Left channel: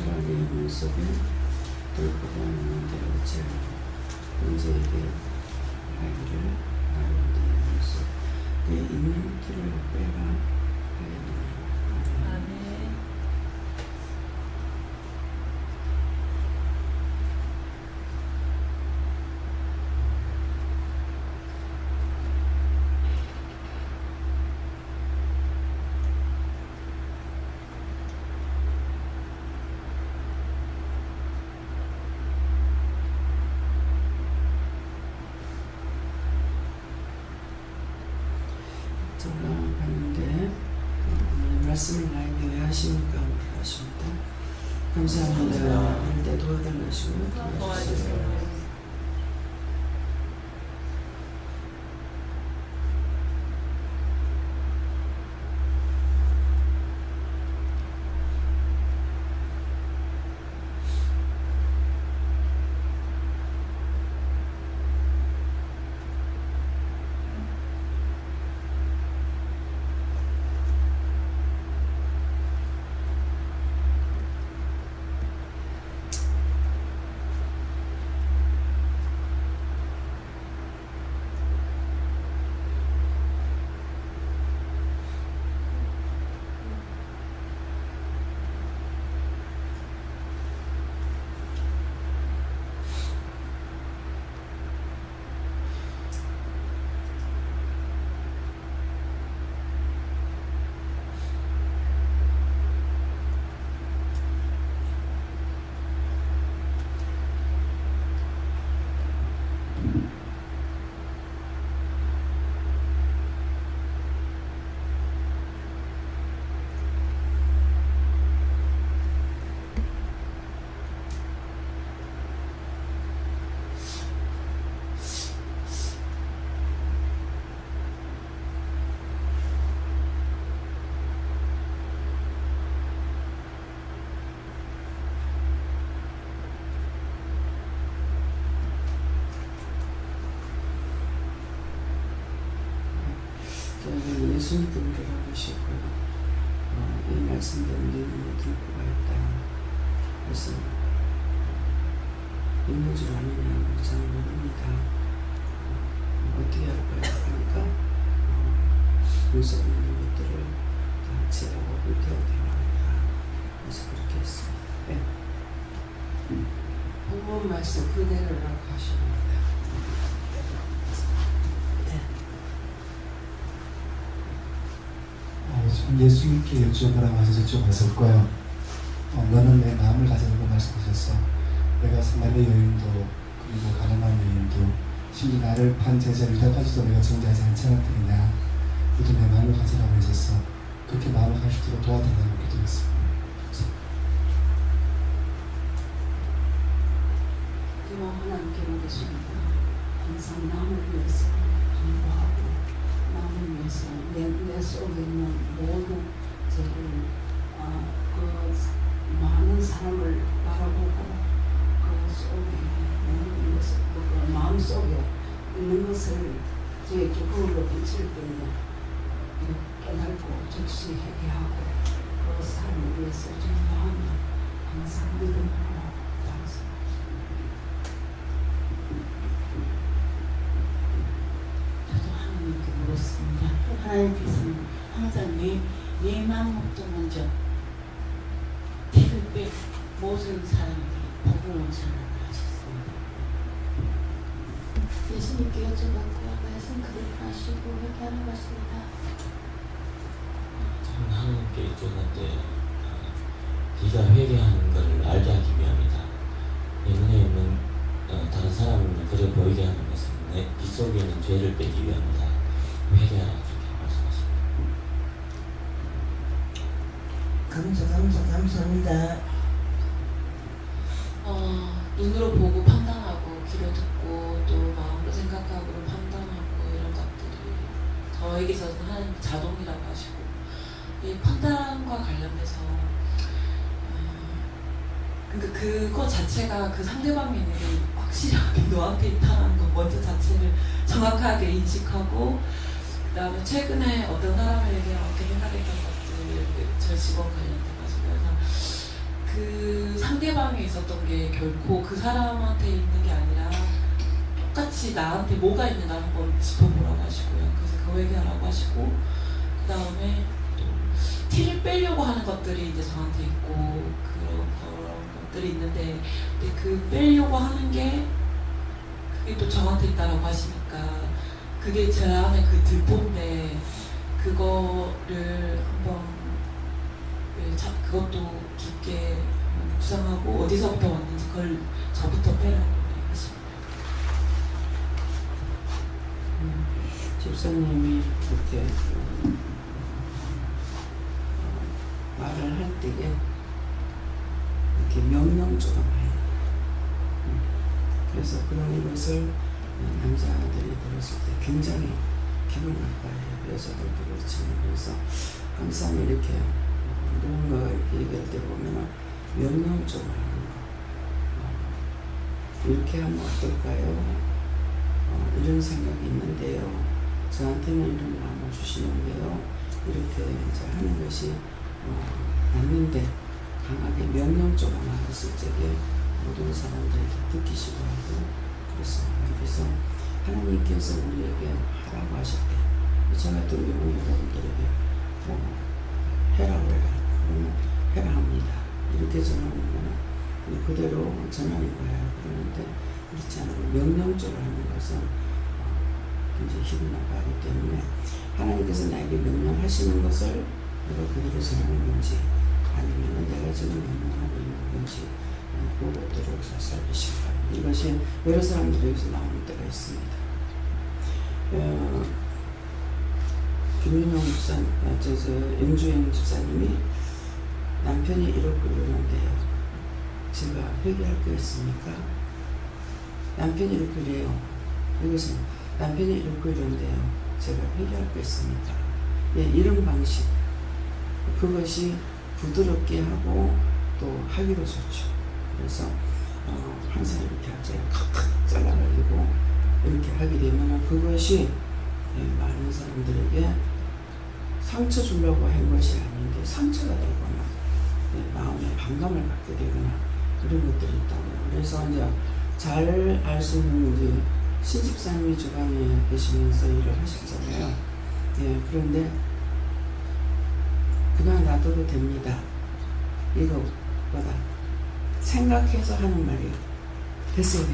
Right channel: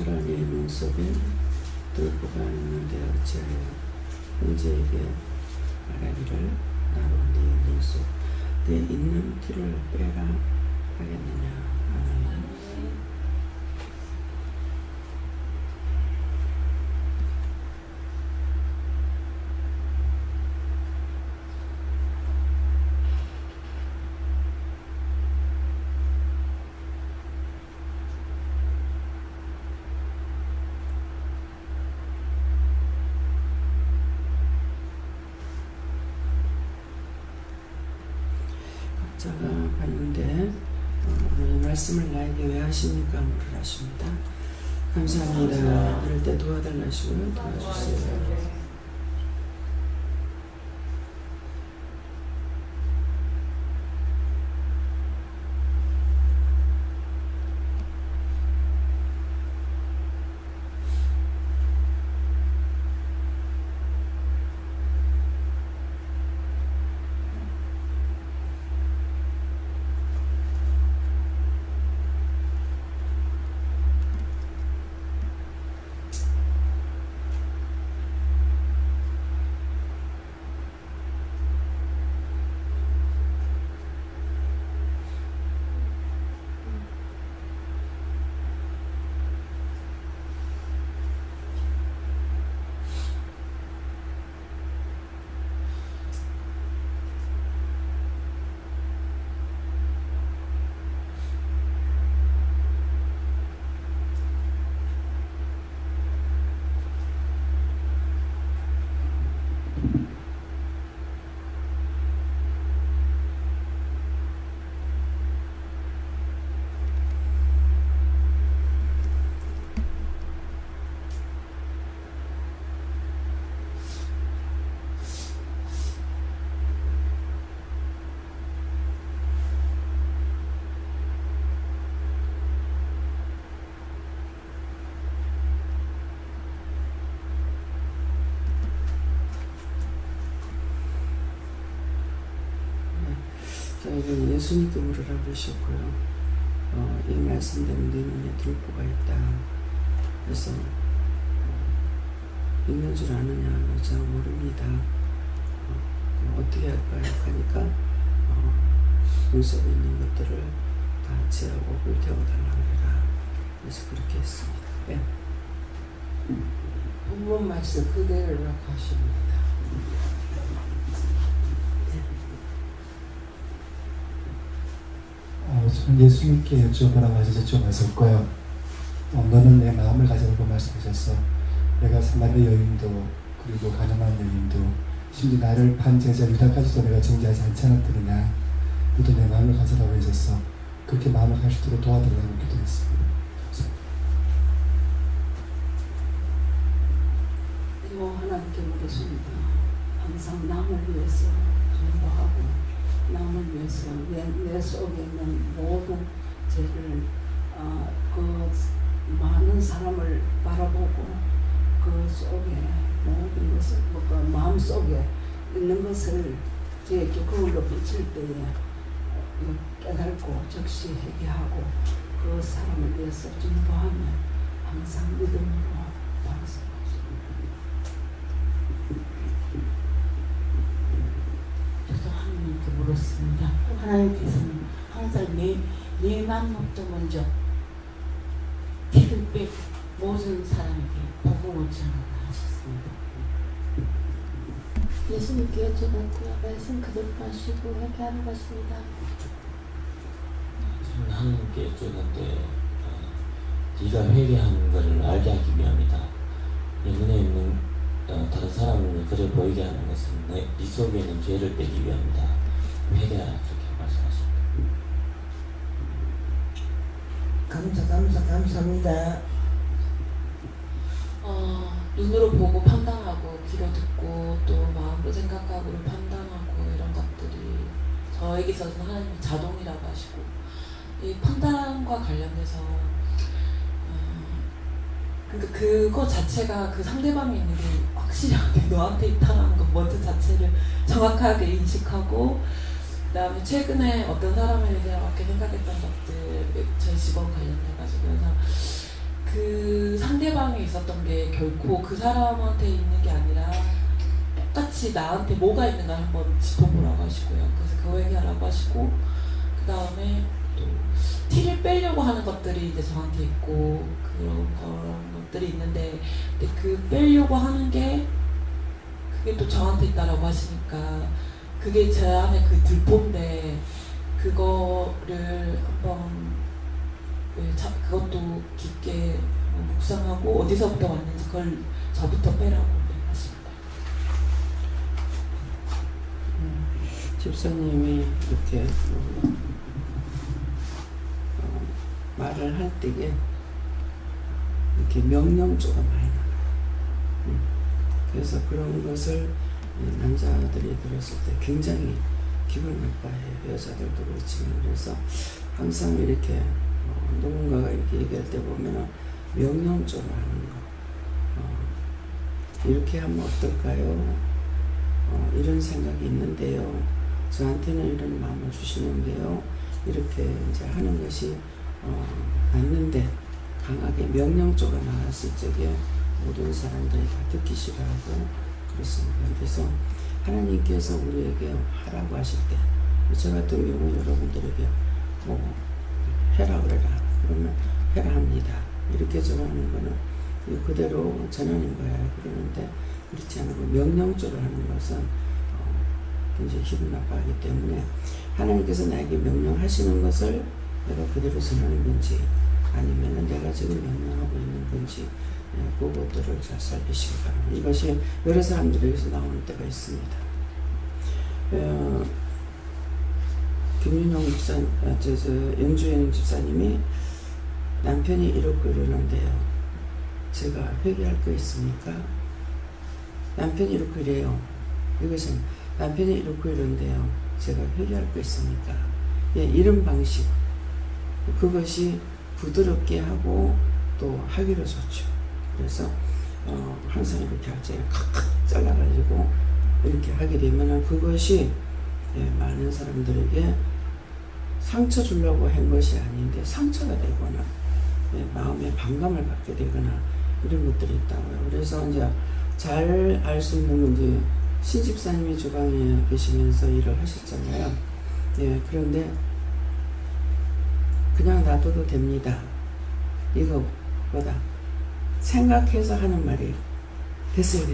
차라리 눈썹에 들고가 있는데 어찌하여 문제에게 말하기를 나로 네 눈썹 내 있는 티를 빼라 하겠느냐. 아멘. 제가 봤는데 오늘 말씀을 나에게 왜 하십니까? 물을 하십니다. 감사합니다. 이럴 때 도와달라시고요. 도와주세요. 저희는 예수님께 물을 하고 계시고요. 이 말씀대로 네 눈에 들보가 있다. 그래서 있는 줄 아느냐? 잘 모릅니다. 어떻게 할까요? 하니까 눈썹에 있는 것들을 다 제하고 불태워달라고 해라. 그래서 그렇게 했습니다. 네. 본문 말씀 그대로 가십니다. 예수님께 여쭤보라고 하셔서 여쭤봤을 거예요. 너는 내 마음을 가져라고 말씀하셨어. 내가 사마리아 여인도 그리고 가난한 여인도 심지어 나를 판 제자 유다까지도 내가 정죄하지 않지 않았더냐. 너도 내 마음을 가져라고 하셨어. 그렇게 마음을 갈 수 있도록 도와달라고 기도했습니다. 이모 하나님께 묻겠습니다. 항상 남을 위해서 간구하고 남을 위해서 내 속에 있는 모든 죄를 그 많은 사람을 바라보고 그 속에 모든 것을 그 마음 속에 있는 것을 제 그걸로 비칠 때에 깨닫고 즉시 회개하고 그 사람을 위해서 전도하면 항상 믿음으로 방송합니다. 하나님께 물었습니다. 하나님께서는 항상 내 마음부터 먼저 피를 빼 모든 사람에게 복음을 전하셨습니다. 예수님께 여쭤봤고요. 말씀 그대로 하시고 회개하라고 하십니다. 저는 하나님께 여쭤봤는데 네가 회개하는 것을 알게 하기 위함이다. 내 눈에 있는 다른 사람을 그래 보이게 하는 것은 네 속에 있는 죄를 빼기 위함이다. 회개하라 그렇게 말씀하십니다. 감사합니다. 눈으로 보고 판단하고 귀로 듣고 또 마음으로 생각하고 판단하고 이런 것들이 저에게 있어서는 하나님 자동이라고 하시고 이 판단과 관련해서 그러니까 그거 자체가 그 상대방이 있는 게 확실히 너한테 있다는 것 먼저 자체를 정확하게 인식하고 그 다음에 최근에 어떤 사람에게 이렇게 생각했던 것들 저 직원 관련돼가지고 그래서 그 상대방에 있었던 게 결코 그 사람한테 있는 게 아니라 똑같이 나한테 뭐가 있는가 한번 짚어보라고 하시고요. 그래서 그거 얘기하라고 하시고, 그 다음에 또 티를 빼려고 하는 것들이 이제 저한테 있고 그런 것들이 있는데, 근데 그 빼려고 하는 게 그게 또 저한테 있다라고 하시니까 그게 제 안에 그 들보인데, 그거를 한번 그것도 깊게 묵상하고 어디서부터 왔는지 그걸 저부터 빼라고 하십니다. 집사님이 이렇게 말을 할 때에 이렇게 명령조가 많이 나와요. 그래서 그런 것을 남자들이 들었을 때 굉장히 기분 나빠해요. 여자들도 그렇지만. 그래서 항상 이렇게 누군가가 이렇게 얘기할 때 보면은 명령조를 하는 거, 이렇게 하면 어떨까요? 이런 생각이 있는데요. 저한테는 이런 마음을 주시는데요. 이렇게 이제 하는 것이 맞는데, 강하게 명령조가 나왔을 적에 모든 사람들이 다 듣기 싫어하고 그렇습니다. 그래서 하나님께서 우리에게 하라고 하실 때, 저 같은 경우 여러분들에게 뭐 해라 그래라 그러면 해라 합니다. 이렇게 전하는 거는 그대로 전하는 거예요. 그러는데 그렇지 않고 명령조를 하는 것은 굉장히 기분 나빠하기 때문에, 하나님께서 나에게 명령하시는 것을 내가 그대로 전하는 건지 아니면 내가 지금 명령하고 있는 건지, 그것들을 잘 살피시기 바랍니다. 이것이 여러 사람들에게서 나오는 때가 있습니다. 김윤영 집사, 영주영 집사님이 남편이 이렇고 이러는데요. 제가 회개할 거 있습니까? 남편이 이렇게 이래요. 이것은 남편이 이렇고 이런데요. 제가 회개할 거 있습니까? 예, 이런 방식. 그것이 부드럽게 하고 또 하기로 좋죠. 그래서 항상 이렇게 하죠. 칵칵 잘라가지고 이렇게 하게 되면 그것이 많은 사람들에게 상처 주려고 한 것이 아닌데 상처가 되거나 마음에 반감을 갖게 되거나 이런 것들이 있다고요. 그래서 이제 잘 알 수 있는 이제 신집사님이 주방에 계시면서 일을 하셨잖아요. 예, 그런데 그냥 놔둬도 됩니다. 이거보다 생각해서 하는 말이에요. 됐어요.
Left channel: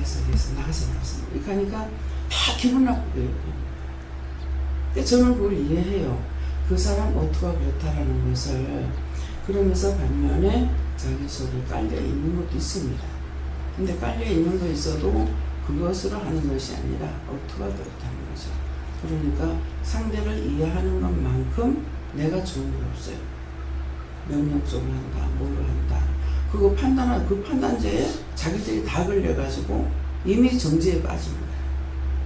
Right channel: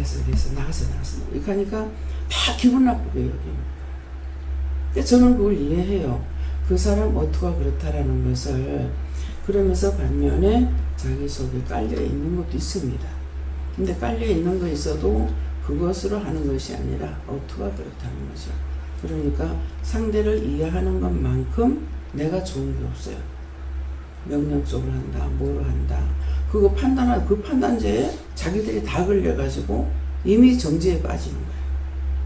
나가서. 이렇게 하니까 다 기분 나쁘게 여깁니다. 근데 저는 그걸 이해해요. 그 사람 어투가 그렇다라는 것을. 그러면서 반면에 자기 속에 깔려 있는 것도 있습니다. 근데 깔려 있는 거 있어도 그것으로 하는 것이 아니라 어투가 그렇다는 거죠. 그러니까 상대를 이해하는 것만큼 내가 좋은 일 없어요. 명령적으로 한다, 뭐로 한다. 그거 그 판단제에 자기들이 다 걸려가지고 이미 정죄에 빠지는 거예요.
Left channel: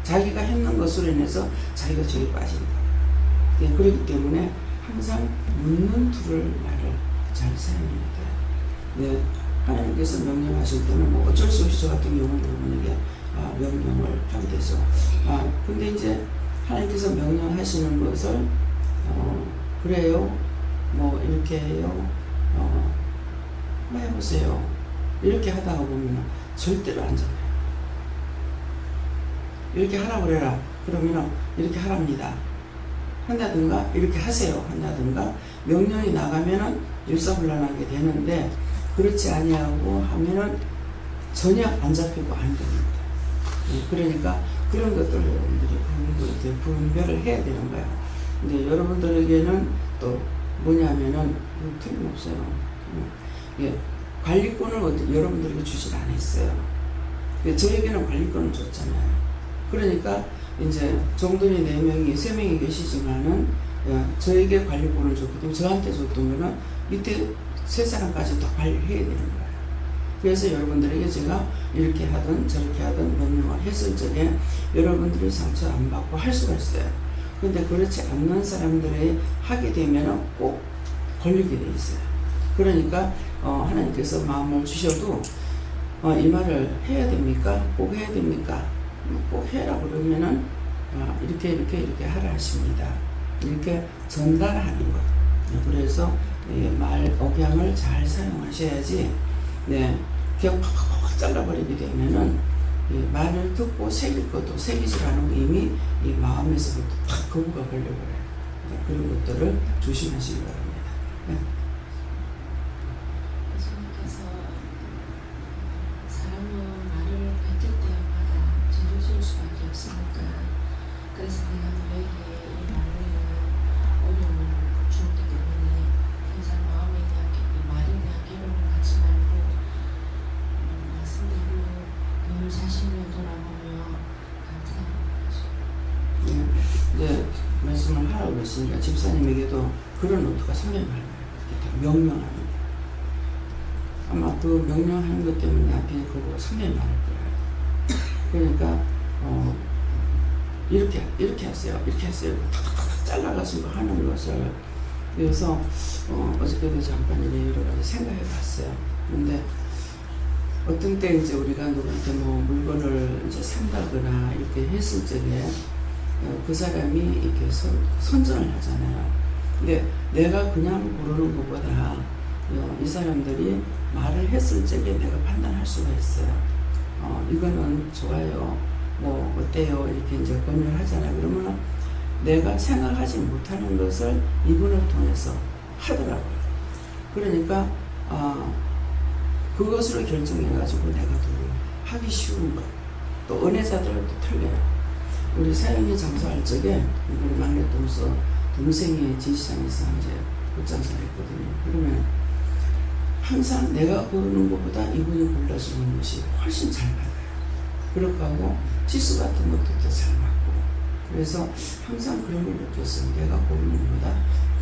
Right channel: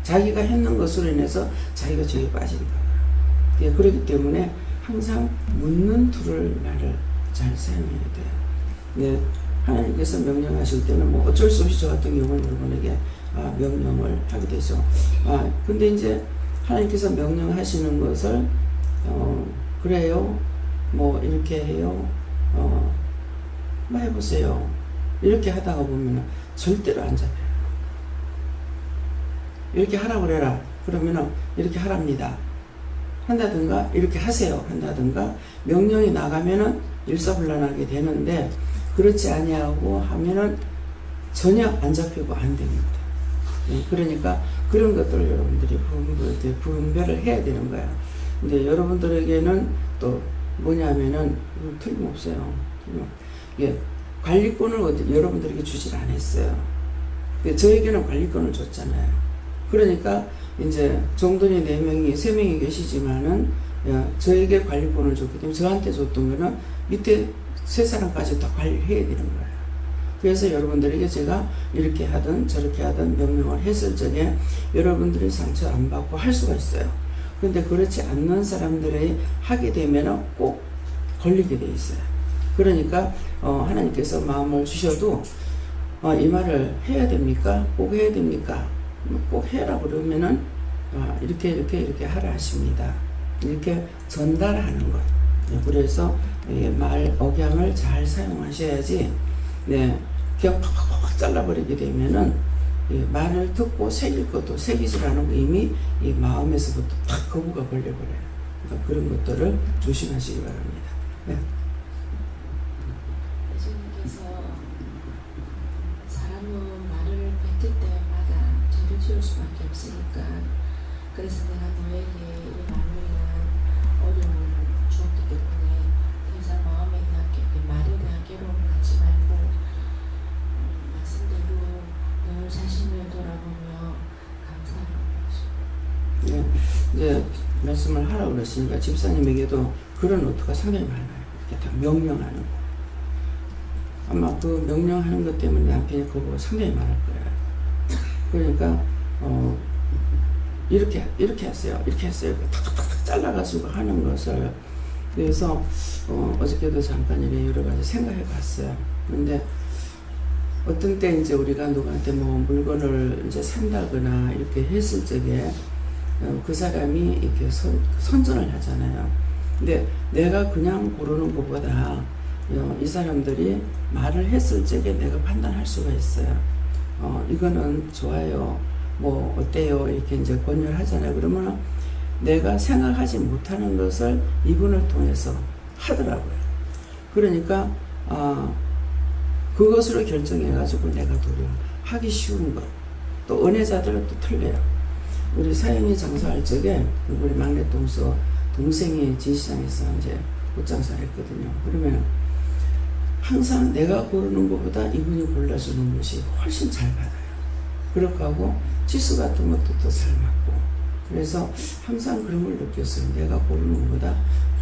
자기가 했는 것으로 인해서 자기가 죄에 빠진다. 예, 그렇기 때문에 항상 묻는 툴을 나를 잘 사용해야 돼요. 예, 하나님께서 명령하실 때는 뭐 어쩔 수 없이 저 같은 경우는 여러분에게 명령을 하게 되죠. 근데 이제 하나님께서 명령하시는 것을 그래요, 뭐 이렇게 해요, 뭐 해보세요, 이렇게 하다가 보면 절대로 안 잡혀요. 이렇게 하라고 그래라 그러면 이렇게 하랍니다. 한다든가 이렇게 하세요 한다든가 명령이 나가면은 일사불란하게 되는데, 그렇지 아니하고 하면은 전혀 안 잡히고 안 됩니다. 예, 그러니까 그런 것들을 여러분들이 분별을 해야 되는 거예요. 근데 여러분들에게는 또 뭐냐면은 틀림없어요. 예, 관리권을 여러분들에게 주질 않았어요. 저에게는 관리권을 줬잖아요. 그러니까 이제 종들이 4명이 3명이 계시지만은 저에게 관리권을 줬기 때문에 저한테 줬던 거는 밑에 3사람까지 다 관리를 해야 되는 거예요. 그래서 여러분들에게 제가 이렇게 하든 저렇게 하든 명령을 했을 적에 여러분들이 상처 안 받고 할 수가 있어요. 그런데 그렇지 않는 사람들이 하게 되면 꼭 걸리게 돼 있어요. 그러니까 하나님께서 마음을 주셔도 이 말을 해야 됩니까? 꼭 해야 됩니까? 꼭 해라 그러면은 이렇게 하라 하십니다. 이렇게 전달하는 것. 그래서 말 억양을 잘 사용하셔야지. 네, 그냥 팍팍팍 잘라버리게 되면은 이 말을 듣고 새길 것도 새기질 않은 이미 이 마음에서부터 탁 거부가 걸려버려요. 그러니까 그런 것들을 조심하시기 바랍니다. 네. 예수님께서 사람은 말을 뱉을 때마다 죄를 지을 수밖에 없으니까 그래서 내가 너에게 이 말로 인한 어려움을 주었기 때문에 더 이상 마음에 대한 말에 대한 괴로움을 갖지 말고 말씀대로 늘 자신을 돌아보며 감사하는 것이죠. 네. 이제 말씀을 하라고 그랬으니까 집사님에게도 그런 노트가 상당히 많아요. 이렇게 다 명령하는 거. 아마 그 명령하는 것 때문에 남편이 그거가 상당히 많을 거예요. 그러니까 이렇게 했어요. 이렇게 했어요. 탁탁탁 잘라가지고 하는 것을. 그래서 어저께도 잠깐 이래 여러 가지 생각해 봤어요. 그런데 어떤 때 이제 우리가 누구한테 뭐 물건을 이제 산다거나 이렇게 했을 적에 그 사람이 이렇게 선전을 하잖아요. 근데 내가 그냥 고르는 것보다 이 사람들이 말을 했을 적에 내가 판단할 수가 있어요. 이거는 좋아요. 뭐 어때요? 이렇게 이제 권유를 하잖아요. 그러면 내가 생각하지 못하는 것을 이분을 통해서 하더라고요. 그러니까 그것으로 결정해가지고 내가 도리어 하기 쉬운 것. 또 은혜자들은 또 틀려요. 우리 사형이 장사할 적에 우리 막내 동생이 진시장에서 이제 옷장사를 했거든요. 그러면 항상 내가 고르는 것보다 이분이 골라주는 것이 훨씬 잘 받아요. 그렇고 하고 지수 같은 것도 더 잘 맞고. 그래서 항상 그런 걸 느꼈어요. 내가 고르는 것보다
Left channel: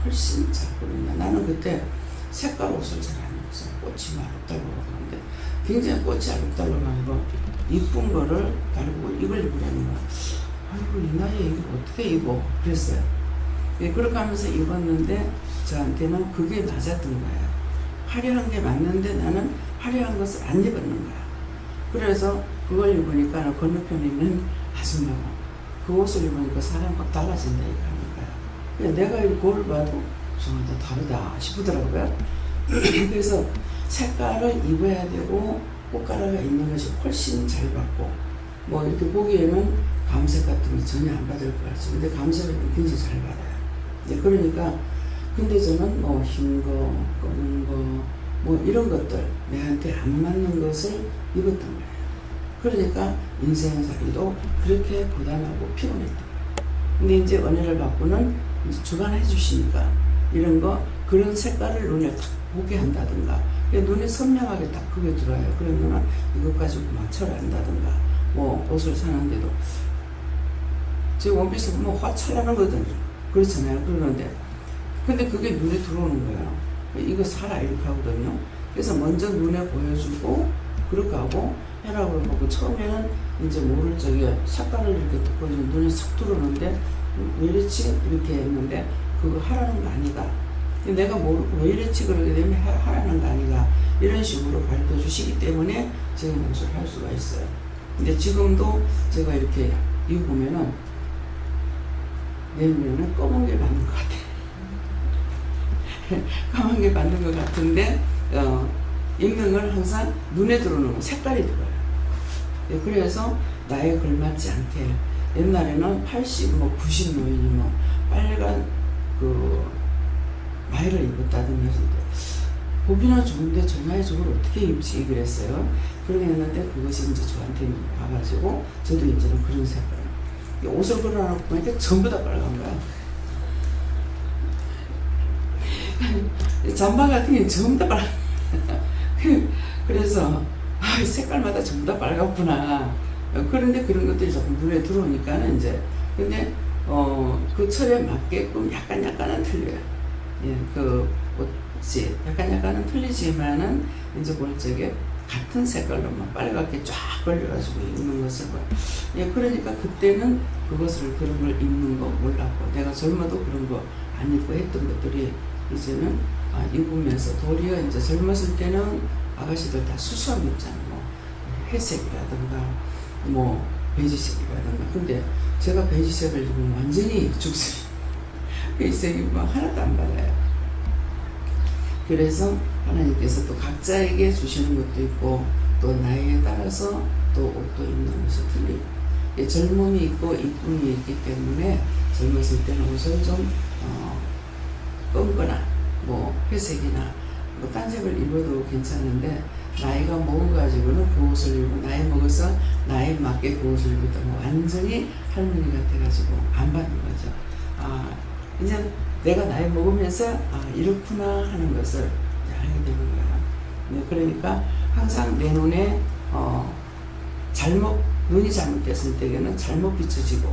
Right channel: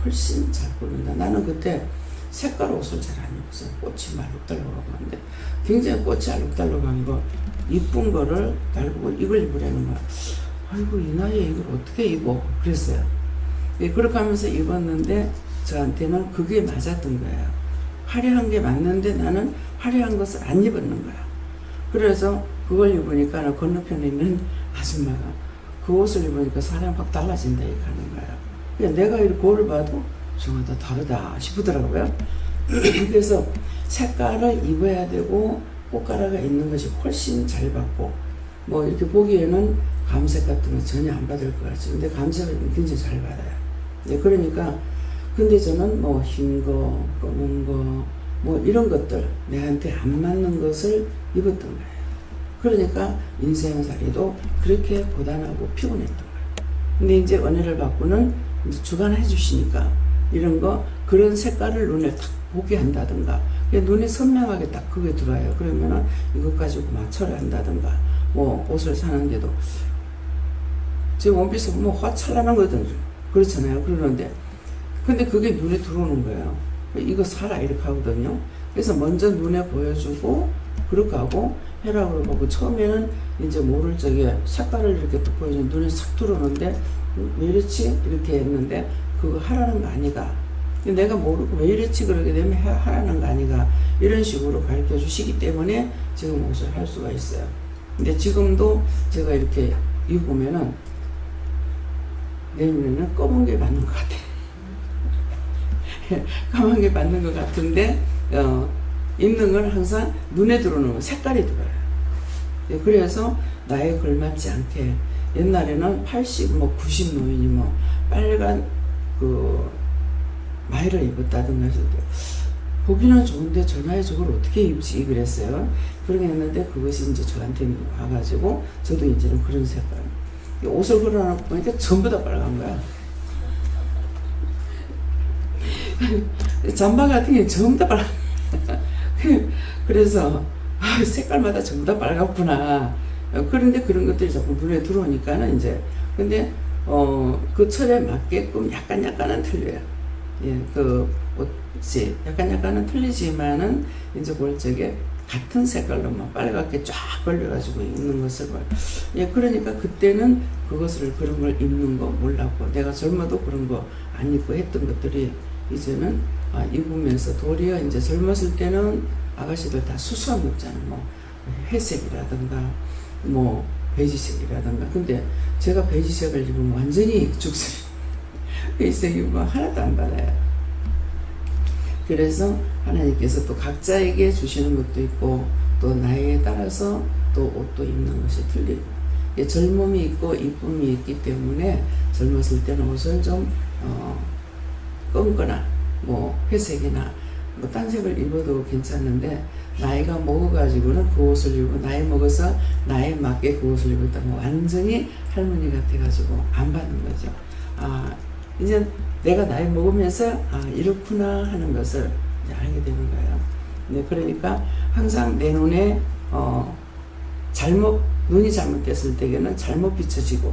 훨씬 잘 고른다. 나는 그때 색깔 옷을 잘 안 입었어요. 꽃이 막 알록달록하고 한데 굉장히 꽃이 알록달록한 거 이쁜 거를 달고 이걸 입으려는 거야. 아이고 이 나이에 이걸 어떻게 입어? 그랬어요. 그렇게 하면서 입었는데 저한테는 그게 맞았던 거예요. 화려한 게 맞는데 나는 화려한 것을 안 입었는 거야. 그래서 그걸 입으니까 건너편에 있는 아줌마가 그 옷을 입으니까 사람이 확 달라진다 이렇게 하는 거야. 그냥 내가 이렇게 거울 봐도 정말 다르다 싶더라고요. 그래서 색깔을 입어야 되고 꽃가루가 있는 것이 훨씬 잘 받고 뭐 이렇게 보기에는 감색 같은 거 전혀 안 받을 것 같죠. 근데 감색을 굉장히 잘 받아요. 네, 그러니까 근데 저는 뭐 흰 거, 검은 거, 뭐 이런 것들 내한테 안 맞는 것을 입었던 거예요. 그러니까 인생살이도 그렇게 고단하고 피곤했던 거예요. 근데 이제 은혜를 받고는 이제 주관해 주시니까 이런 거 그런 색깔을 눈에 딱 보게 한다든가 눈에 선명하게 딱 그게 들어와요. 그러면은 이것 가지고 맞춰라 한다든가 뭐 옷을 사는데도 제 원피스 보면 화 찰나는 거든 그렇잖아요. 그러는데 근데 그게 눈에 들어오는 거예요. 이거 사라 이렇게 하거든요. 그래서 먼저 눈에 보여주고 그렇게 하고 해라고 그러고 처음에는 이제 모를 적에 색깔을 이렇게 딱 보여주면 눈에 싹 들어오는데 왜 이렇지? 이렇게 했는데 그거 하라는 거 아니가. 내가 모르고 왜 이렇지? 그러게 되면 하라는 거 아니가. 이런 식으로 가르쳐 주시기 때문에 지금 옷을 할 수가 있어요. 근데 지금도 제가 이렇게 입으면은 내 눈에는 검은 게 맞는 것 같아. 까만 게 맞는 것 같은데 입는 건 항상 눈에 들어오는 거, 색깔이 들어요. 그래서 나에 걸맞지 않게 옛날에는 80, 뭐 90 노인이 뭐 빨간 그 마이를 입었다든가 했을 때 보기는 좋은데 저 나이에 저걸 어떻게 입지 그랬어요. 그러게 했는데 그것이 이제 저한테 와가지고 저도 이제는 그런 색깔 옷을 걸어놓고 보니까 전부 다 빨간 거야. 잠바 같은 게 전부 다 빨간 거야. 그래서 색깔마다 전부 다 빨갛구나. 그런데 그런 것들이 자꾸 눈에 들어오니까는 이제 근데 그 철에 맞게끔 약간은 틀려요. 예, 그 옷이 약간은 틀리지만은 이제 볼 적에 같은 색깔로만 빨갛게 쫙 걸려가지고 입는 것을 봐요. 예, 그러니까 그때는 그것을 그런 걸 입는 거 몰랐고 내가 젊어도 그런 거 안 입고 했던 것들이 이제는 입으면서 도리어 이제 젊었을 때는 아가씨들 다 수수한 거 입잖아요. 뭐 회색이라든가 뭐 베이지색이라든가. 근데 제가 베이지색을 입으면 완전히 죽습니다. 베이지색 입으면 하나도 안 받아요. 그래서 하나님께서 또 각자에게 주시는 것도 있고 또 나이에 따라서 또 옷도 입는 것이 틀리고, 젊음이 있고 이쁨이 있기 때문에 젊었을 때는 옷을 좀 검거나 뭐 회색이나 뭐 딴색을 입어도 괜찮은데, 나이가 먹어가지고는 그 옷을 입고, 나이 먹어서 나이에 맞게 그 옷을 입었다면 완전히 할머니 같아가지고 안 받는 거죠. 이제 내가 나이 먹으면서 이렇구나 하는 것을 이제 알게 되는 거예요. 네, 그러니까 항상 내 눈에 눈이 잘못됐을 때에는 잘못 비춰지고,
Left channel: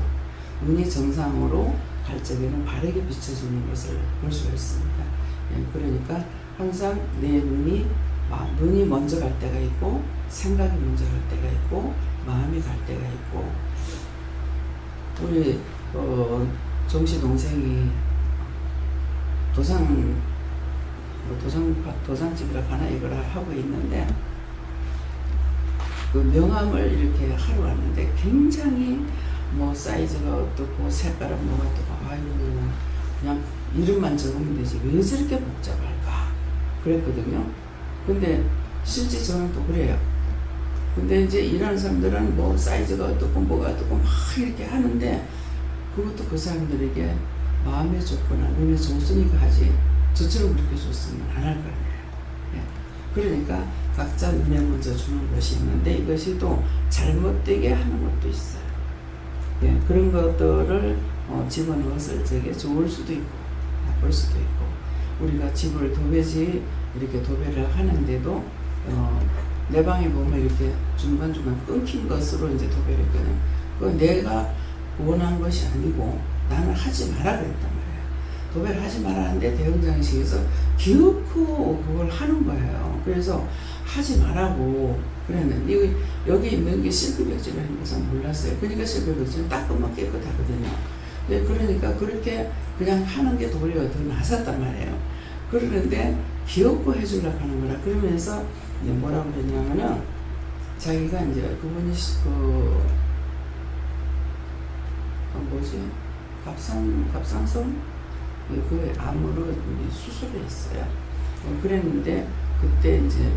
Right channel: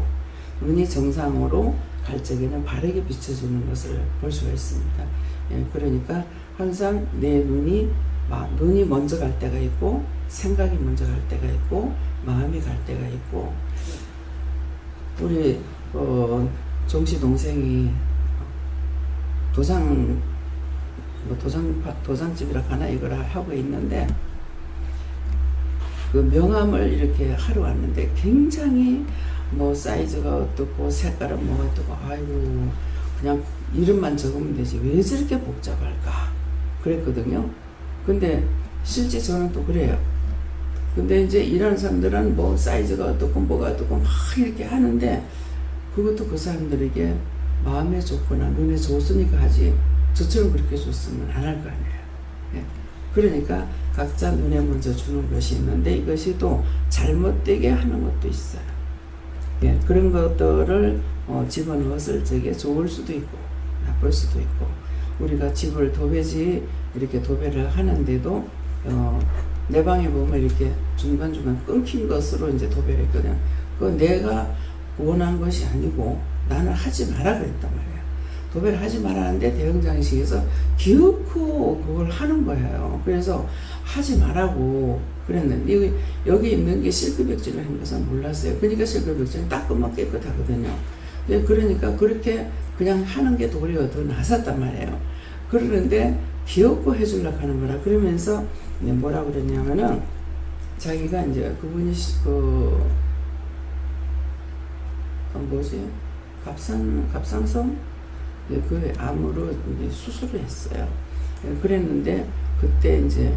눈이 정상으로 갈 적에는 바르게 비춰주는 것을 볼 수가 있습니다. 예, 그러니까 항상 내 눈이 먼저 갈 때가 있고, 생각이 먼저 갈 때가 있고, 마음이 갈 때가 있고. 우리 종씨 동생이 도장집이라 하나 이거라 하고 있는데, 그 명함을 이렇게 하러 왔는데 굉장히 뭐 사이즈가 어떻고 색깔은 뭐가 어떻고, 아이고 그냥 이름만 적으면 되지 왜 저렇게 복잡할까 그랬거든요. 근데 실제 저는 또 그래요. 근데 이제 이런 사람들은 뭐 사이즈가 어떻고 뭐가 어떻고 막 이렇게 하는데, 그것도 그 사람들에게 마음에 좋거나 눈에 좋으니까 하지, 저처럼 그렇게 좋으면 안 할 거 아니에요. 예. 그러니까 각자 눈에 먼저 주는 것이 있는데, 이것이 또 잘못되게 하는 것도 있어요. 예. 그런 것들을 집어넣었을 적에 좋을 수도 있고 나쁠 수도 있고, 우리가 집을 도배지 이렇게 도배를 하는데도 내 방에 보면 이렇게 중간중간 끊긴 것으로 이제 도배를 했거든요. 그건 내가 원한 것이 아니고 나는 하지 마라 그랬단 말이에요. 도배를 하지 말라는데 대형장식에서 기어코 그걸 하는 거예요. 그래서 하지 말라고 그랬는데, 여기 있는 게 실크 벽지라는 것은 몰랐어요. 그러니까 실크 벽지는 닦으면 깨끗하거든요. 그러니까 그렇게 그냥 하는 게 도리가 더 낫았단 말이에요. 그러는데 기어코 해주려고 하는 거라. 그러면서 뭐라 그러냐면은, 자기가 이제 그분이 갑상선 그 암으로 이제 수술을 했어요. 그랬는데 그때 이제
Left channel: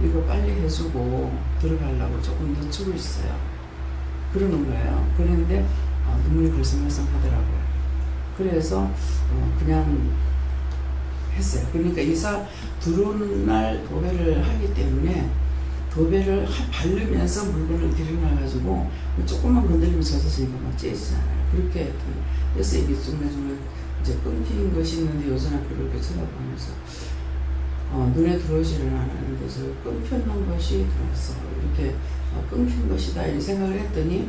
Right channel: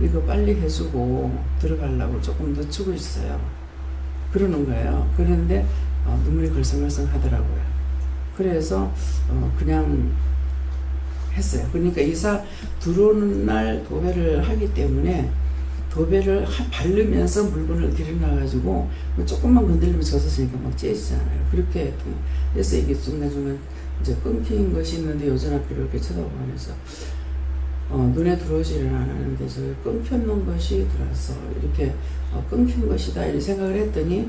이거 빨리 해주고 들어가려고 조금 늦추고 있어요. 그러는 거예요. 그런데 눈물이 걸성걸성 하더라고요. 그래서 그냥 했어요. 그러니까 이사 들어오는 날 도배를 하기 때문에, 도배를 바르면서 물건을 들여놔가지고 조금만 건드리면 젖었으니까 막 째지잖아요. 그렇게 했더니, 그래서 이게 중간중간 이제 끊긴 것이 있는데 여전 앞으로 이렇게 쳐다보면서 눈에 들어오지는 않았는데 저 끊겨놓은 것이 들어서 이렇게 끊긴 것이다 이렇게 생각을 했더니,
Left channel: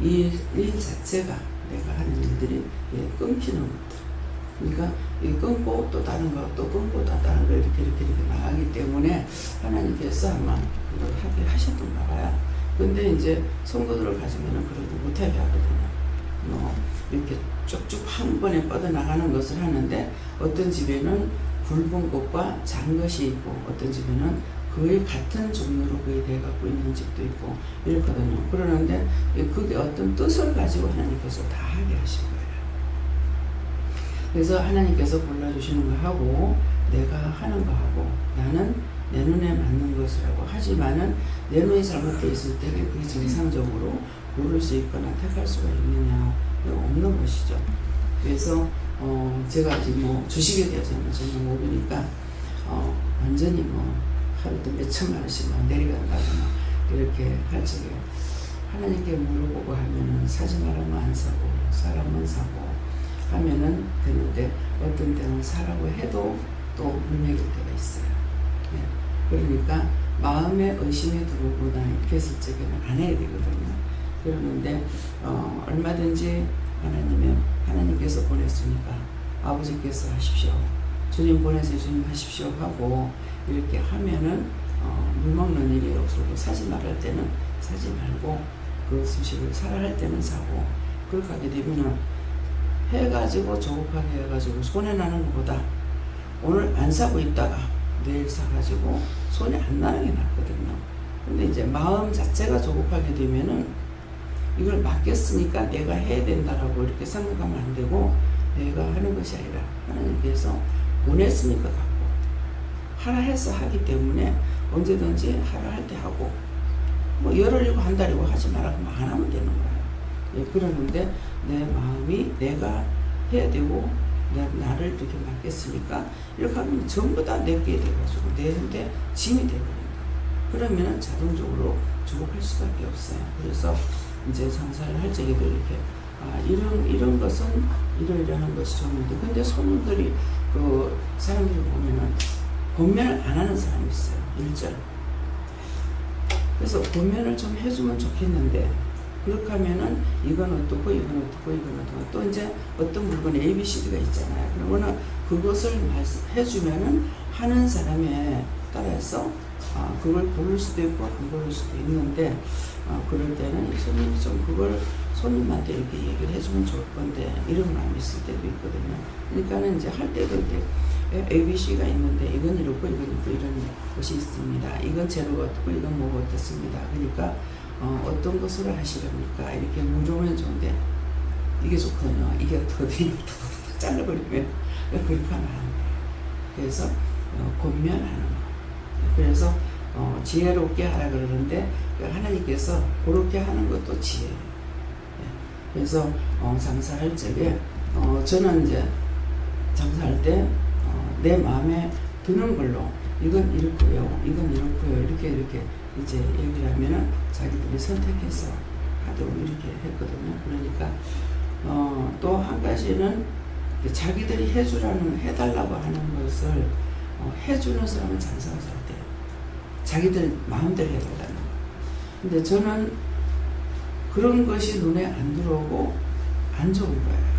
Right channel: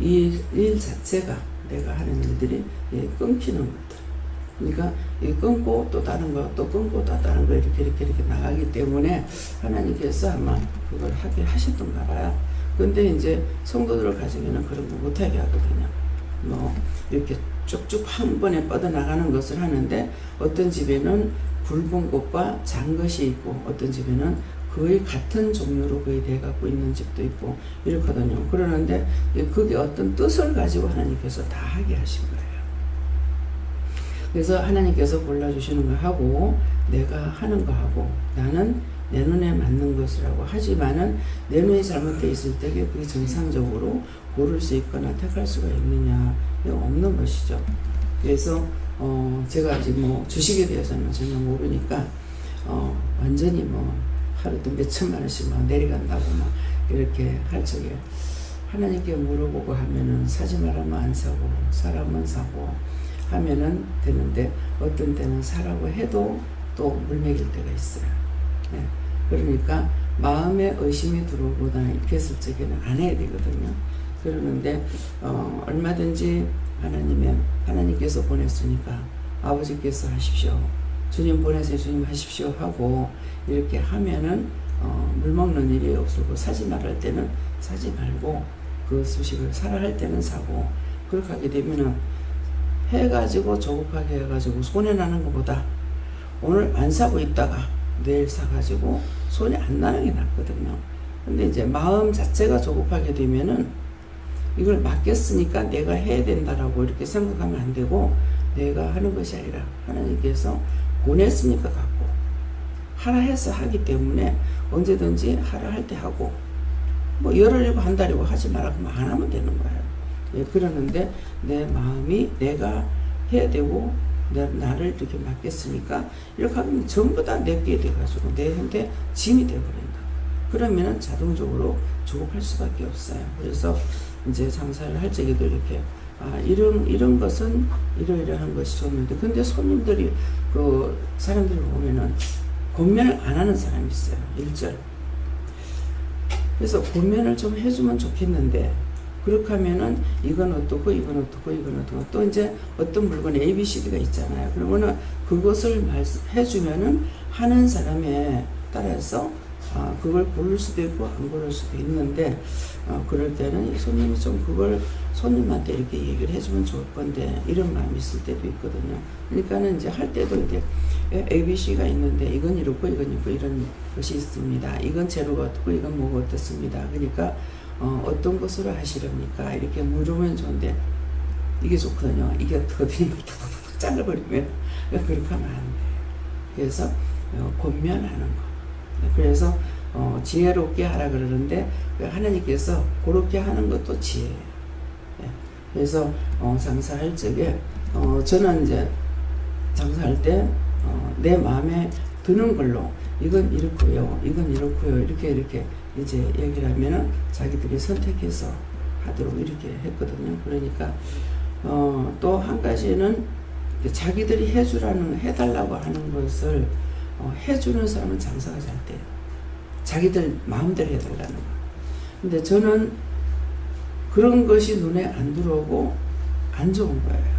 이 일 자체가 내가 하는 일들이 끊기는 것들. 그러니까 이 끊고 또 다른 거, 또 끊고 또 다른 거 이렇게 나가기 때문에 하나님께서 아마 그걸 하게 하셨던가 봐요. 근데 이제 성도들을 가지면은 그런 거 못하게 하거든요. 이렇게 쭉쭉 한 번에 뻗어나가는 것을 하는데, 어떤 집에는 굵은 것과 작은 것이 있고, 어떤 집에는 거의 같은 종류로 거의 돼갖고 있는 집도 있고 이렇거든요. 그러는데 그게 어떤 뜻을 가지고 하나님께서 다 하게 하신 거예요. 그래서 하나님께서 골라주시는 거 하고 내가 하는 거 하고, 나는 내 눈에 맞는 것이라고 하지만은 내 눈이 잘못되어 있을 때 그게 정상적으로 고를 수 있거나 택할 수가 있느냐, 없는 것이죠. 그래서 제가 아직 뭐 주식에 대해서는 전혀 모르니까 완전히 하루도 몇 천만 원씩 내려간다고 이렇게 할 적에 하나님께 물어보고 하면은 사지 말라면 안 사고 사라면 사고 하면은 되는데, 어떤 때는 사라고 해도 또 물먹일 때가 있어요. 네. 그러니까 마음에 의심이 들어오거나 이렇게 했을 적에는 안 해야 되거든요. 그러는데 얼마든지 하나님께서 보냈으니까 아버지께서 하십시오, 주님 보내서 주님 하십시오 하고 이렇게 하면은 물먹는 일이 없고, 사지 말할 때는 사지 말고 그 수식을 사라 할 때는 사고, 그렇게 하게 되면은 해가지고 조급하게 해가지고 손해나는 것보다 오늘 안 사고 있다가 내일 사가지고 손이 안 나는 게 낫거든요. 근데 이제 마음 자체가 조급하게 되면은 이걸 맡겼으니까 내가 해야 된다라고 이렇게 생각하면 안 되고, 내가 하는 것이 아니라 하나님께서 보냈으니까 갖고 하라 해서 하기 때문에 언제든지 하라 할 때 하고 뭐 열흘이고 한 달이고 하지 마라 그러면 안 하면 되는 거예요. 예, 그러는데 내 마음이 내가 해야 되고 나를 이렇게 맡겼으니까 이렇게 하면 전부 다 내게 돼가지고 내한테 짐이 돼버린다. 그러면은 자동적으로 조급할 수밖에 없어요. 그래서 이제 장사를 할 적에도 이렇게 이런 것은 이러이러한 것이 좋은데 근데 손님들이 그 사람들이 보면은 권면을 안 하는 사람이 있어요. 1절. 그래서 권면을 좀 해주면 좋겠는데 그렇게 하면은 이건 어떻고 이건 어떻고 이건 어떻고 또 이제 어떤 물건 ABCD가 있잖아요. 그러면은 그것을 해주면은 하는 사람에 따라서 그걸 고를 수도 있고 안 고를 수도 있는데 그럴 때는 손님이 좀 그걸 손님한테 이렇게 얘기를 해주면 좋을 건데 이런 마음이 있을 때도 있거든요. 그러니까는 이제 할 때도 이제 ABC가 있는데 이건 이렇고 이건 있고 이런 것이 있습니다. 이건 재료가 어떻고 이건 뭐가 어떻습니다. 그러니까 어떤 것으로 하시렵니까? 이렇게 물으면 좋은데 이게 좋거든요. 이게 어떻게 탁탁탁 잘라버리면 그렇게 하면 안 돼요. 그래서 권면하는 거. 그래서 지혜롭게 하라 그러는데 하나님께서 그렇게 하는 것도 지혜예요. 그래서 장사할 적에 저는 이제 장사할 때 내 마음에 드는 걸로 이건 이렇고요, 이건 이렇고요, 이렇게 이제 얘기를 하면은 자기들이 선택해서 하도록 이렇게 했거든요. 그러니까 또 한 가지는 자기들이 해달라고 하는 것을 해주는 사람은 장사가 잘 돼요. 자기들 마음대로 해달라는 거. 근데 저는 그런 것이 눈에 안 들어오고 안 좋은 거예요.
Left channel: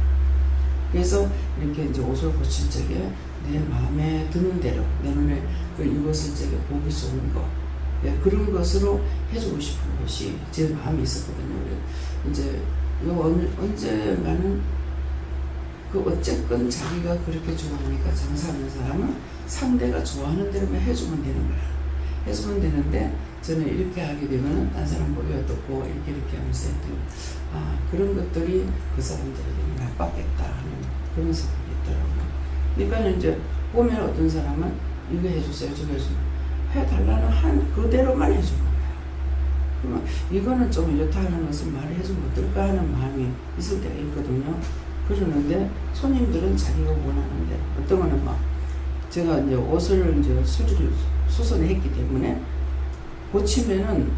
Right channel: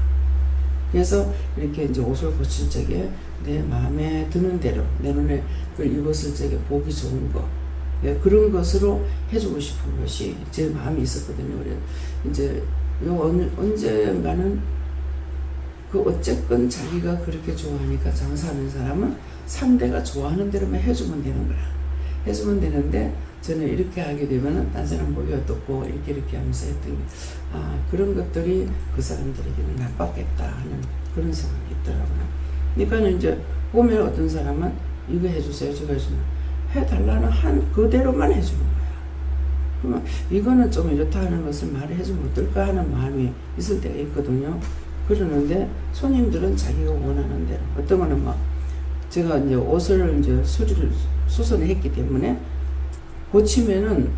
그래서 이렇게 이제 옷을 고칠 적에 내 마음에 드는 대로 내 눈에 그걸 입었을 적에 보기 좋은 거 그런 것으로 해주고 싶은 것이 제 마음이 있었거든요. 그래서 이제 언젠가는 어쨌건 자기가 그렇게 좋아하니까 장사하는 사람은 상대가 좋아하는 대로만 해주면 되는 거야. 해주면 되는데 저는 이렇게 하게 되면은 딴 사람 보기 어떻고 이렇게 하면서 했더니 그런 것들이 그 사람들에게는 나빴겠다 하는 그런 생각이 있더라고요. 그러니까 이제 보면 어떤 사람은 이거 해주세요 저거 해주면 해달라는 한 그대로만 해주는 거야. 그러면 이거는 좀 이렇다 하는 것을 말을 해주면 어떨까 하는 마음이 있을 때가 있거든요. 그러는데 손님들은 자기가 원하는 대로 어떤 거는 막 제가 이제 옷을 이제 수선을 했기 때문에 고치면은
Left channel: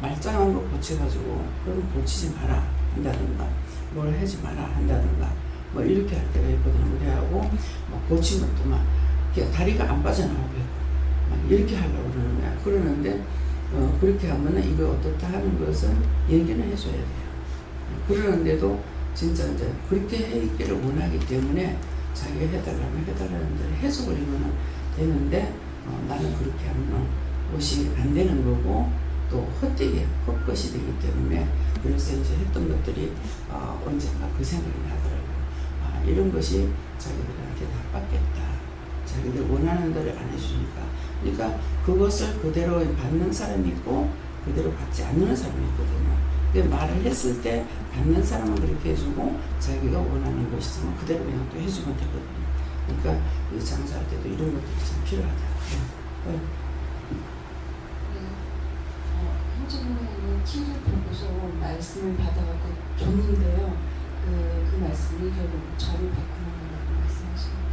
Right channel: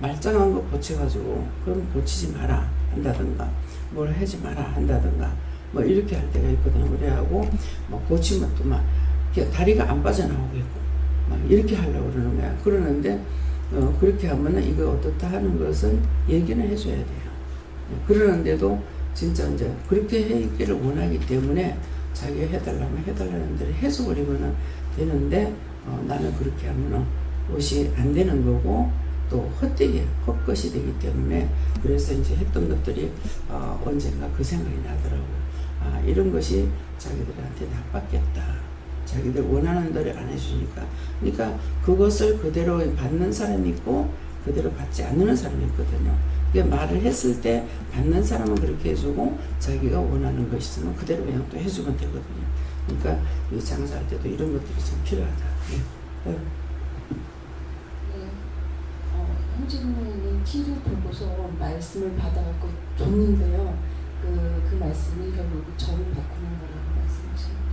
말짱한 거 고쳐가지고 그럼 고치지 마라 한다든가 뭘 하지 마라 한다든가 뭐 이렇게 할 때가 있거든요. 그래하고 뭐 고치면 또 막 다리가 안 빠져나오겠고 막 이렇게 하려고 그러는 거야. 그러는데 그렇게 하면은 이거 어떻다 하는 것은 얘기는 해줘야 돼요. 그러는데도 진짜 이제 그렇게 해있기를 원하기 때문에 자기가 해달라는 대로 해줘버리면 되는데 나는 그렇게 하면 옷이 안 되는 거고 또 헛것이 되기 때문에 그래서 이제 했던 것들이 언젠가 그 생각이 나더라고요. 이런 것이 자기들한테 나빴겠다. 자기들 원하는 대로 안 해주니까. 그러니까 그것을 그대로 받는 사람이 있고 그대로 받지 않는 사람이 있거든요. 말을 했을 때 받는 사람은 그렇게 해주고 자기가 원하는 것이 있으면 그대로 그냥 또 해주면 되거든요. 그러니까 이 장사할 때도 이런 것들이 좀 필요하다. 네. 형제부모는 TV를 보고서 말씀을 받아갖고 줬는데요. 그 말씀이 결국 저를 바꾸는 거라고 말씀하십니다.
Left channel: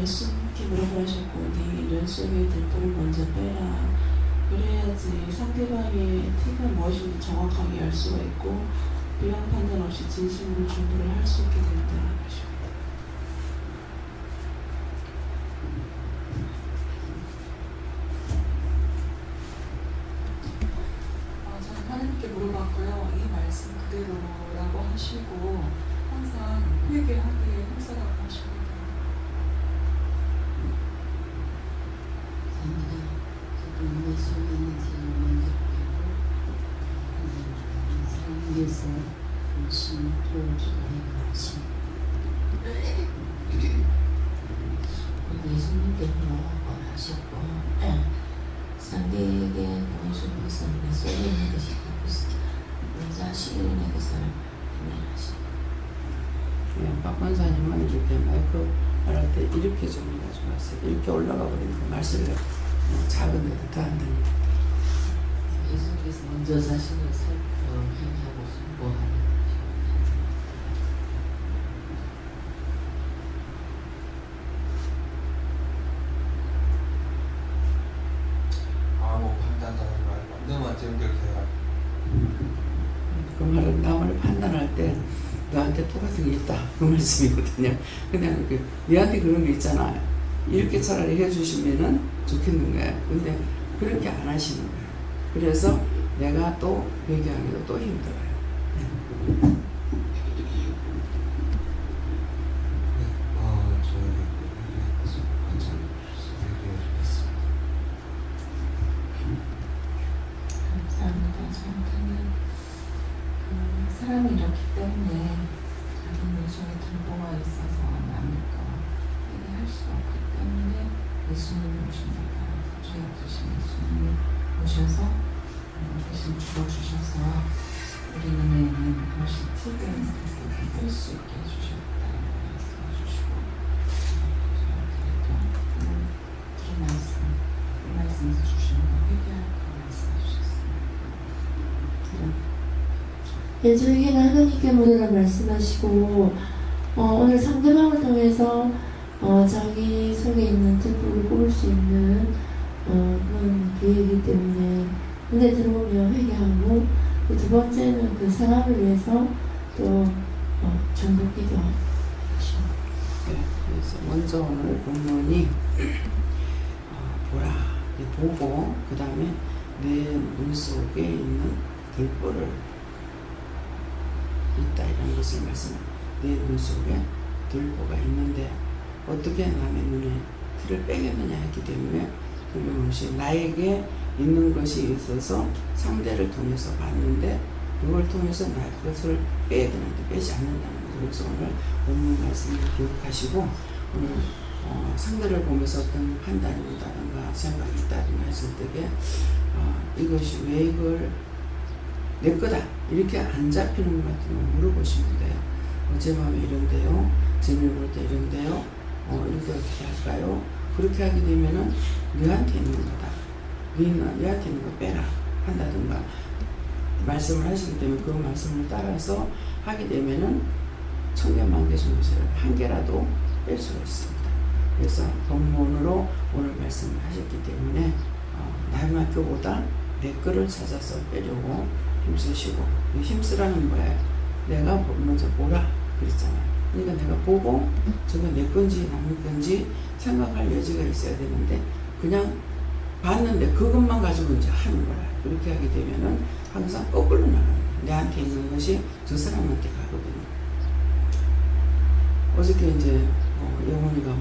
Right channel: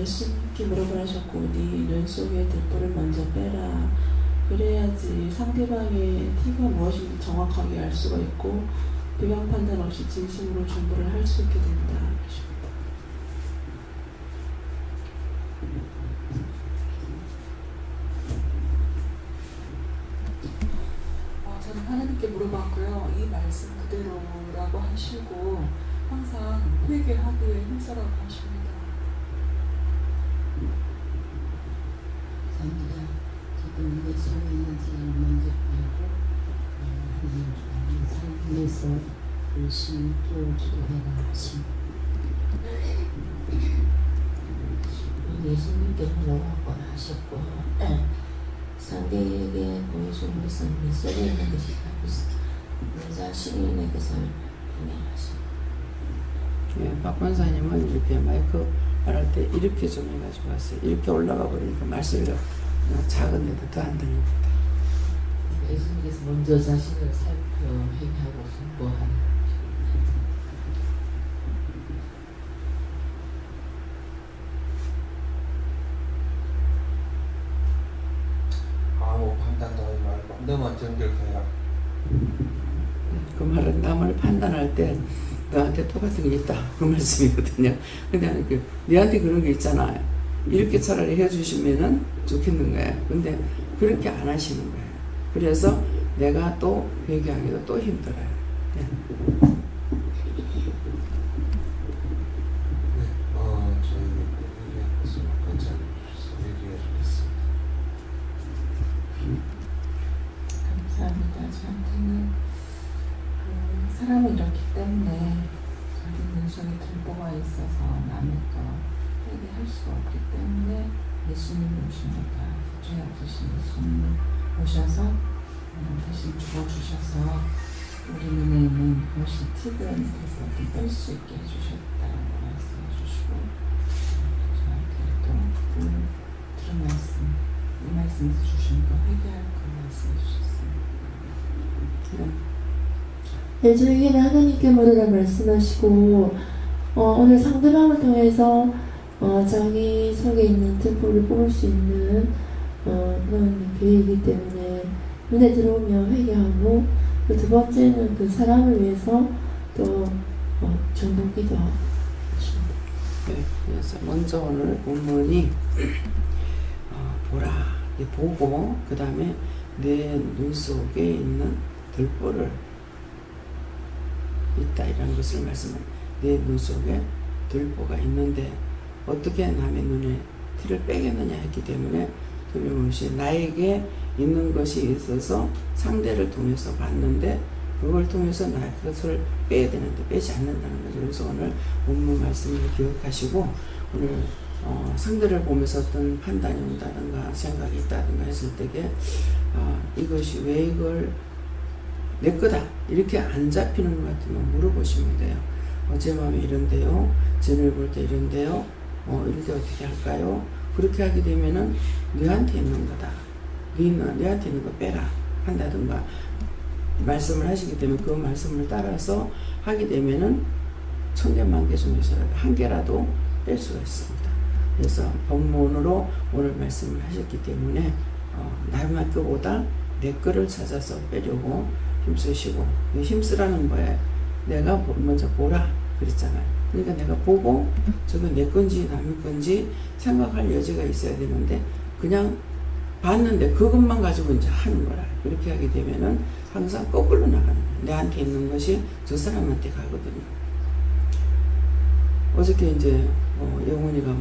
예수님께 뭐라고 하셨고 네 눈 속에 들보를 먼저 빼라. 그래야지 상대방의 티가 무엇인지 정확하게 알 수가 있고 비방 판단 없이 진심으로 중보를 할 수 있게 된다. 저는 하나님께 물어봤고요. 이 말씀 그대로라고 하시고 항상 회개하기에 힘쓰라고 하십니다. 감사합니다. 저도 내 속에 있는 죄를 먼저 빼고 하나님 위해서 열심히 또 기도해라 하십니다. 예수님께서 뭐라고 하셨고 상대에게 보여준 것은 내 속에 있는 것이 내 자신의 것을 분별하십니다. 예, 박 권사님은 이렇게 마이크 말할 때 이렇게 좀 해가지고 왔어요. 이렇게 올라가 버리니까 말소리가 작은데도 더 안 들립니다. 예수님께서 먼저 자신을 살펴 행하고 순보하는 아무 판단도 하지 말고 너만 정결해라. 그 말은 남을 판단할 때 너한테 똑같은 게 있다 그 말씀이거든요. 근데 그 너한테 그런 게 있잖아. 이렇게 차라리 해주시면은 좋겠는 거예요. 근데 그렇게 안 하시는 거예요. 그래서 내가 또 회개하기도 또 힘들어요. 네. 저에게 회개할 것을 관찰해 주셔서 회개해 주겠습니다. 감사합니다. 저한테는 사람이 이렇기 때문에 자기 눈속에 들보가 있어서 남을 거 회개할 수 없기 때문에 예수님이 오십니다. 죄 없으신 예수님이 오셔서 대신 죽어주셔서 우리 눈에는 훨씬 특별한 것을 뺄 수 있게 해주셨다고 말씀해 주시고 저한테 또 그 말씀 이 말씀에서 주시는 거 회개할 거 말씀해 주셨습니다. 저에게는 하나님께 물으라 말씀하시고 오늘 상대방을 통해서 자기 속에 있는 등불을 뽑을 수 있는 그런 기회이기 때문에 눈에 들어오면 회개하고 두 번째는 그 사람을 위해서 또 전도기도 하십니다. 네, 그래서 먼저 오늘 본문이 보라, 보고 그 다음에 내 눈 속에 있는 들보를 있다 이런 것을 말씀합니다. 내 눈 속에 들보가 있는데 어떻게 남의 눈에 틀을 빼겠느냐 했기 때문에 틀림없이 나에게 있는 것이 있어서 상대를 통해서 봤는데 그걸 통해서 나의 것을 빼야 되는데 빼지 않는다는 거죠. 그래서 오늘 본문 말씀을 기억하시고 오늘 상대를 보면서 어떤 판단이 온다든가 생각이 있다든가 했을 때에 이것이 왜 이걸 내 거다 이렇게 안 잡히는 것 같으면 물어보시면 돼요. 제 마음이 이런데요, 제 눈을 볼 때 이런데요, 이럴 때 어떻게 할까요? 그렇게 하게 되면은 너한테 있는 거다, 너한테 있는 거 빼라 한다든가 말씀을 하시기 때문에 그 말씀을 따라서 하게 되면은 1000개, 10,000개 중에서 한 개라도 뺄 수가 있습니다. 그래서 본문으로 오늘 말씀을 하셨기 때문에 남의 것보다 내 거를 찾아서 빼려고 힘쓰시고, 힘쓰라는 거에 내가 먼저 보라 그랬잖아요. 그러니까 내가 보고 저거 내 건지 남의 건지 생각할 여지가 있어야 되는데 그냥 봤는데 그것만 가지고 이제 하는 거라. 그렇게 하게 되면은 항상 거꾸로 나가는 거예요. 내한테 있는 것이 저 사람한테 가거든요. 어저께 이제 영훈이가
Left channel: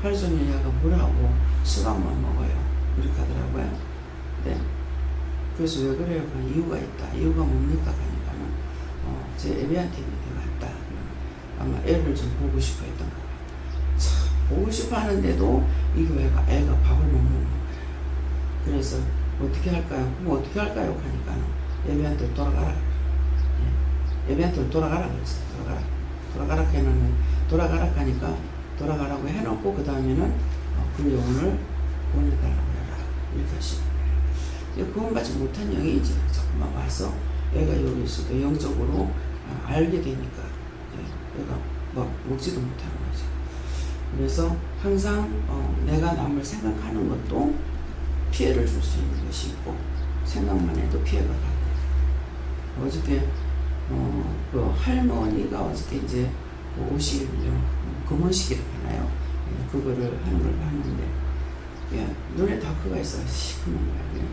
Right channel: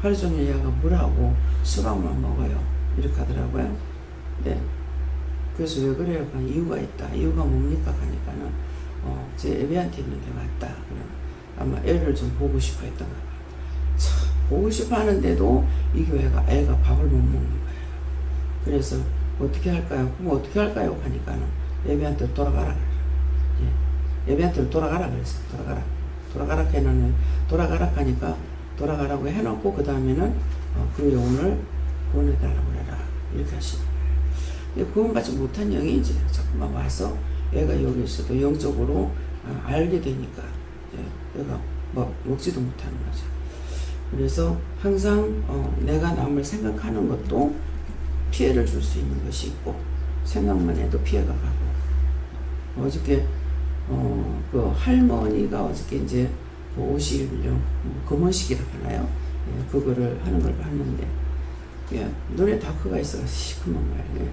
하루 종일 얘가 물하고 수박만 먹어요 이렇게 하더라고요. 네. 그래서 왜 그래요? 이유가 있다. 이유가 뭡니까? 하니까는 제 애비한테 있는데 왔다. 아마 애를 좀 보고 싶어 했던 거 봐요. 참 보고 싶어 하는데도 이 교회가 애가 밥을 못 먹는 거예요. 그래서 어떻게 할까요? 그럼 어떻게 할까요? 하니까는 애비한테 돌아가라 그래요. 예. 애비한테 돌아가라 그랬어요. 돌아가라 해놓으면 돌아가라 하니까 돌아가라고 해놓고 그 다음에는 그 영혼을 보내달라고 해라 이렇게 하시는 거예요. 구원받지 못한 영이 이제 자꾸만 와서 애가 여기 있어도 영적으로 알게 되니까 얘가 먹지도 못하는 거죠. 그래서 항상 내가 남을 생각하는 것도 피해를 줄 수 있는 것이 있고 생각만 해도 피해가 가고 어저께 그 할머니가 어저께 이제 그 50년 금혼식이라고 하나요? 예, 그거를 하는 걸 봤는데 예, 눈에 다크가 있어서 시커먼 거예요.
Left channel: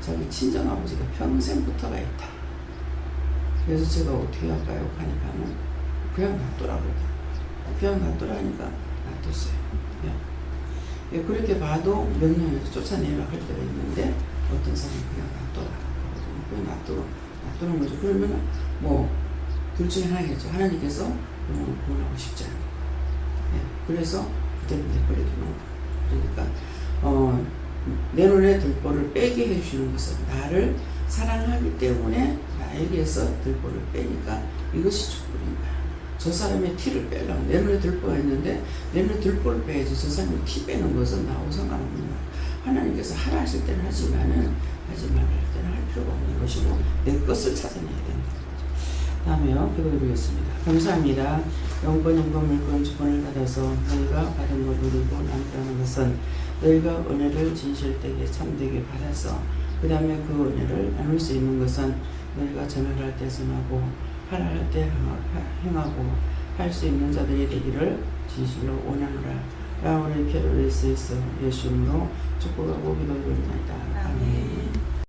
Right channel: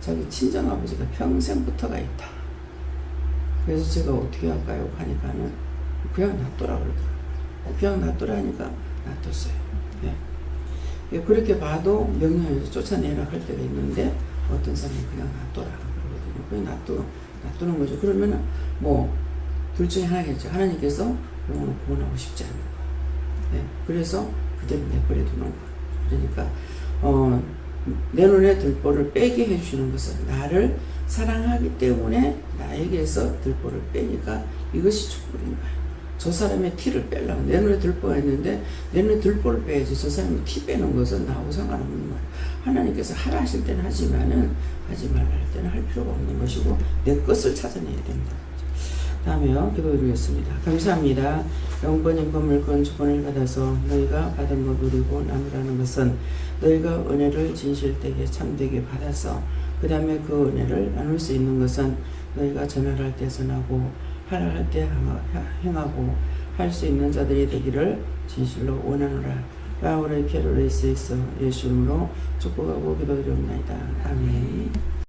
자기 친정아버지가 평생부터가 있다. 그래서 제가 어떻게 할까요? 하니까는 그냥 놔둬라 그러더라고요. 그냥 놔둬라 하니까 놔뒀어요. 예. 예, 그렇게 봐도 명령에서 쫓아내라 할 때가 있는데 어떤 사람은 그냥 놔둬라 그러거든요. 그냥 놔두는 거죠. 그러면은 둘 중에 하나겠죠. 하나님께서 영혼을 구원하고 싶지 않은 거예요. 예, 그래서 그대로 내버려 두는 거예요. 그러니까 내 눈에 들보를 빼게 해주시는 것은 나를 사랑하기 때문에 나에게서 들보를 빼니까 이것이 촛불인 거예요. 저 사람의 티를 빼려고 내 눈에 들보가 있는데 내 눈에 들보를 빼야지 저 사람의 티 빼는 것은 나하고 상관없는 거예요. 하나님께서 하라 하실 때는 하지만은 하지 말라 할 때는 할 필요가 없는 것이고 내 것을 찾아내야 된다. 다음에요. 기도드리겠습니다. 감사합니다. 영권, 인권, 물권, 주권을 받아서 너희가 받은 것 누리고 나누라는 것은 너희가 은혜를 진실되게 참되게 받아서 그 다음에 그 은혜를 나눌 수 있는 것은 너희가 전할 때 전하고 하라 할 때 행하고 할 수 있는 자들이 되기를 진실로 원하노라. 라우레 케로레스에서 예수 이름으로 축복하고 기도드립니다. 아멘.